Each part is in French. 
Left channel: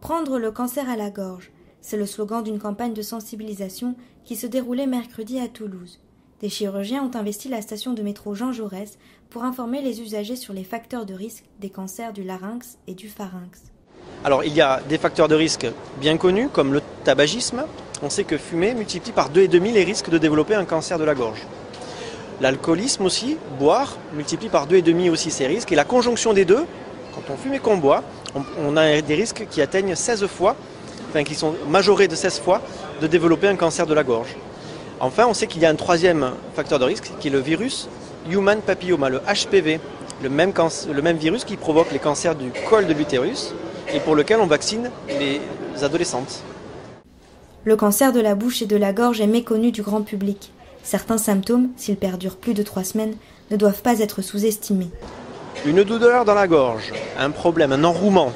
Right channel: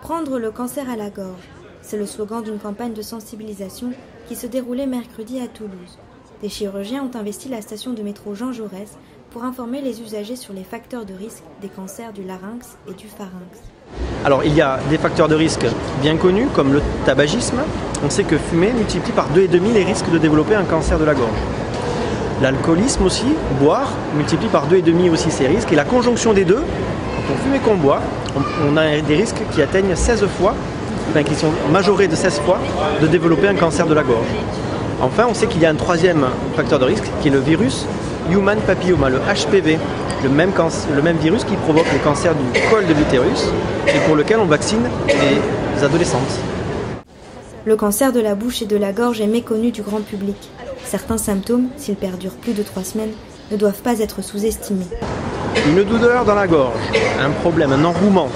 Prendre le cancer à la gorge, c'est le slogan d'une campagne de sensibilisation qui se déroulait mercredi à Toulouse. Des chirurgiens ont investi la station de métro Jean Jaurès pour informer les usagers sur les facteurs de risque des cancers du larynx et du pharynx. Alors il y a des facteurs de risque bien connus comme le tabagisme. On sait que fumer multiplie par 2,5 les risques de développer un cancer de la gorge. L'alcoolisme aussi, boire, multiplie par 2,5 aussi ces risques. Et la conjonction des deux, quand on fume et qu'on boit, on a des risques qui atteignent 16 fois, qui sont majorés de 16 fois, de développer un cancer de la gorge. Enfin, on sait qu'il y a un troisième facteur de risque qui est le virus Human Papilloma, le HPV, le même virus qui provoque le cancer du col de l'utérus et pour lequel on vaccine les adolescentes. Le cancer de la bouche et de la gorge est méconnu du grand public. Certains symptômes, s'ils perdurent plus de 3 semaines, ne doivent pas être sous-estimés. Une douleur dans la gorge, un problème, un enrouement,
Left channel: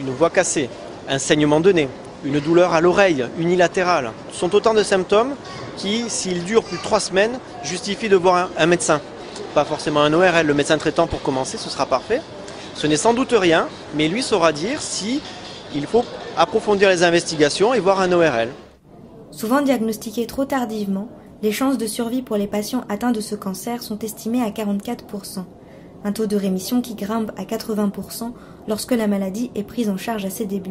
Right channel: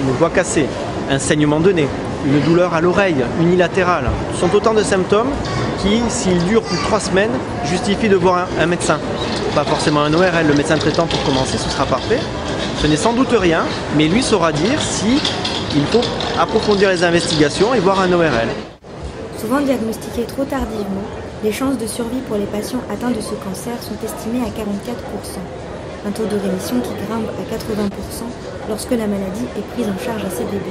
une voix cassée, un saignement de nez, une douleur à l'oreille unilatérale, ce sont autant de symptômes qui, s'ils durent plus de 3 semaines, justifient de voir un médecin. Pas forcément un ORL, le médecin traitant pour commencer, ce sera parfait. Ce n'est sans doute rien, mais lui saura dire si il faut approfondir les investigations et voir un ORL. Souvent diagnostiqués trop tardivement, les chances de survie pour les patients atteints de ce cancer sont estimées à 44%, un taux de rémission qui grimpe à 80% lorsque la maladie est prise en charge à ses débuts.